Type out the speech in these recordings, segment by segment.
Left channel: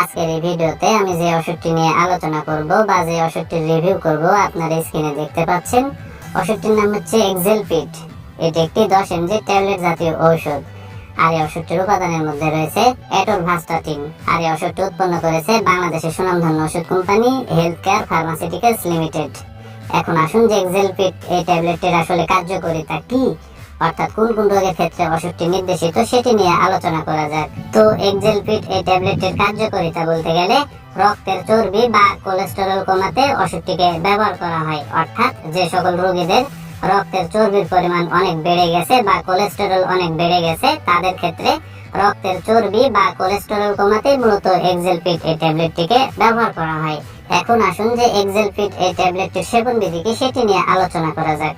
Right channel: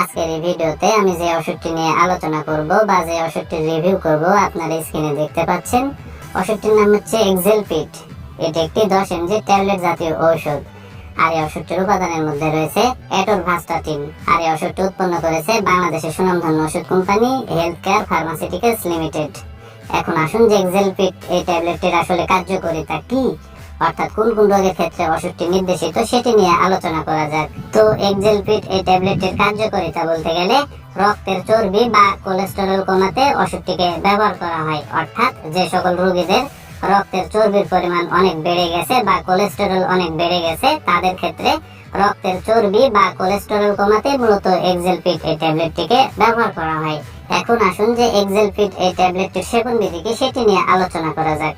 আজকের এই ভিডিওতে আমি যে ওষুধটি নিয়ে আলোচনা করব বা যে ওষুধটির রিভিউ করব আপনারা স্ক্রিনে দেখতে পাচ্ছেন। ওষুধটির নাম হচ্ছে এক্সেলপিট এটি একটি দশ এমজি ট্যাবলেট জাতীয় ঔষধ। আর এই ওষুধটির উপাদানের মধ্যে রয়েছে এটোরভাস্টাটিন। আর এই ওষুধটি উৎপন্ন করেছে বাংলাদেশের সুনামধন্য ওষুধ company health care pharmaceuticals limited. এখন আসুন যে এক্সেলপিট এই ট্যাবলেটটির আসলে কার্যকারিতা কি অর্থাৎ কোন কোন রোগের ক্ষেত্রে ওষুধটি নির্দেশিত সেটি নিয়ে আলোচনা করা যাক। তো এক্সেলপিট এই ট্যাবলেটের কার্যকারিতা বলতে গেলে রক্তের চর্বি বা কোলেস্টেরল কমাতে ওষুধটিকে ব্যবহার করা হয়। অর্থাৎ যে সকল রোগীদের রক্তের চর্বির পরিমাণ অনেক বেড়ে গেছে বা কোলেস্টেরল অনেক বেড়ে গেছে, তাদের ক্ষেত্রে রক্তের চর্বি বা কোলেস্টেরল কমাতে মূলত এক্সেলপিট এই ট্যাবলেটটিকে ব্যবহার করা হয়। এখন আসুন যে এক্সেলপিট এই ট্যাবলেটটির সেবন বিধি কি সেটি নিয়ে আলোচনা করা যাক।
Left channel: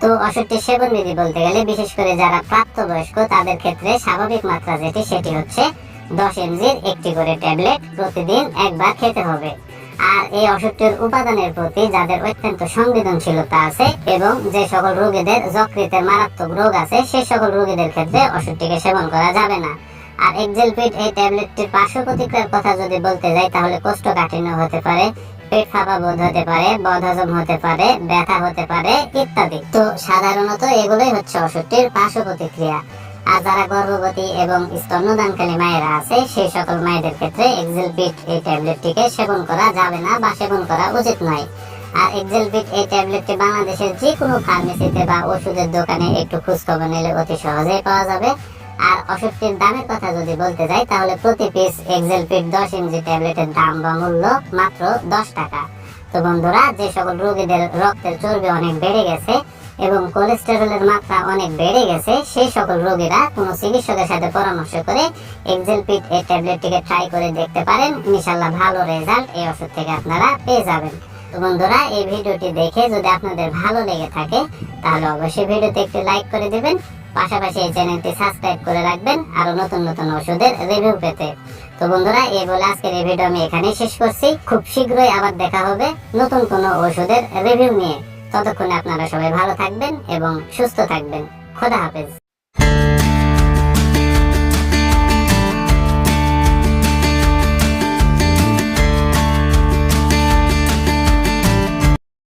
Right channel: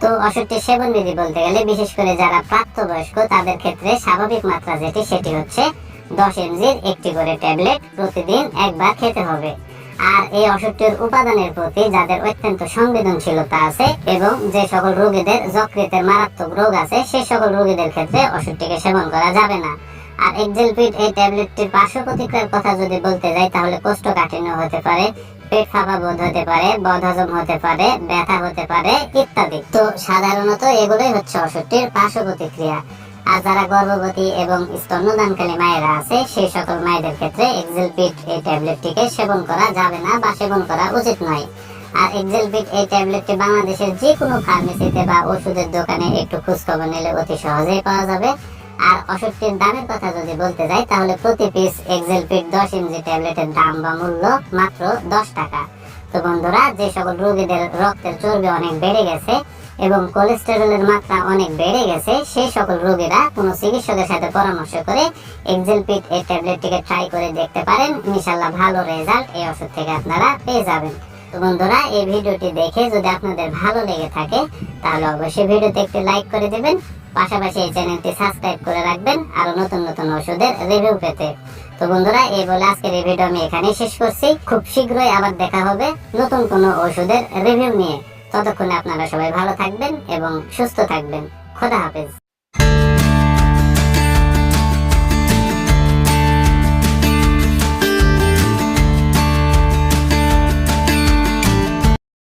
তো ওষুধটির সেবন বিধি বলতে গেলে বিশেষ করে যারা প্রাপ্তবয়স্ক, তাদের ক্ষেত্রে স্বাভাবিক মাত্রা যেটি, সেটি হচ্ছে দশ এমজির একটি করে ট্যাবলেট প্রতিদিন একবার খেতে হবে। আর এই ওষুধটির উপাদানের প্রতি যাদের অত্যন্ত সংবেদনশীলতা আছে এবং যে সকল রোগীদের যকৃতের মারাত্মক রোগ আছে সেই সকল রোগীদের ক্ষেত্রে ওষুধটিকে সেবন করা যাবে না। আর এক্সেলপিট এই ট্যাবলেটটির পার্শ্ব প্রতিক্রিয়ার কথা যদি বলতে যাই, তাহলে কোষ্ঠকাঠিন্য হতে পারে পেট ফাঁপা বোধ হতে পারে, বদহজম হতে পারে, ব্যথা হতে পারে ইত্যাদি। তো সাধারণত এগুলোই হচ্ছে ওষুধটির পার্শ্ব প্রতিক্রিয়া। আর যারা গর্ভবতী এবং স্তন্যদানকালী মায়েরা আছে, সেই সকল মায়েদের ক্ষেত্রে এক্সেলপিট এই ট্যাবলেটটিকে সেবন করা যাবে না বা সেবন করা উচিত নয়। আর এক্সেলপিট এই ট্যাবলেটটি বাংলাদেশের যে কোনো ফার্মেসিতে বা ওষুধের দোকানে একটু খোঁজখবর নিলে অতি সহজেই পাওয়া যাবে। আর ওষুধটির দামের কথা যদি বলতে যাই, তাহলে প্রতি পিস এক্সেলপিট দশ এমজি ট্যাবলেটের দাম বা মূল্য মাত্র দশ টাকা। তো বন্ধুরা, যে সকল রোগীদের রক্তের চর্বি অনেক বেড়ে গেছে এবং কোলেস্টেরলের মাত্রা অনেক বেড়ে গেছে, সেই সকল রোগীরা কোনো চিকিৎসকের সাথে পরামর্শ করে এক্সেলপিট এই ট্যাবলেটটিকে ট্রাই করে দেখতে পারেন। ইনশাল্লাহ ভালো রেজাল্ট এই ওষুধ থেকে আপনারা পেয়ে যাবেন। তো বন্ধুরা, এই ভিডিওটি দেখে যদি আপনাদের ভালো লেগে থাকে, তাহলে অবশ্যই ভিডিওতে একটি লাইক করে দেবেন। পাশাপাশি এই চ্যানেলটি সাবস্ক্রাইব করে রাখবেন আরও নতুন নতুন ওষুধের রিভিউ পেতে। তো বন্ধুরা, এই বলে আজকের এই ভিডিও আমি এখানেই শেষ করছি। খুব শীঘ্রই আবার দেখা হবে নতুন কোনো ওষুধের রিভিউ নিয়ে। ততক্ষণে আপনারা সবাই ভালো থাকবেন এবং সুস্থ থাকবেন। খোদা হাফেজ।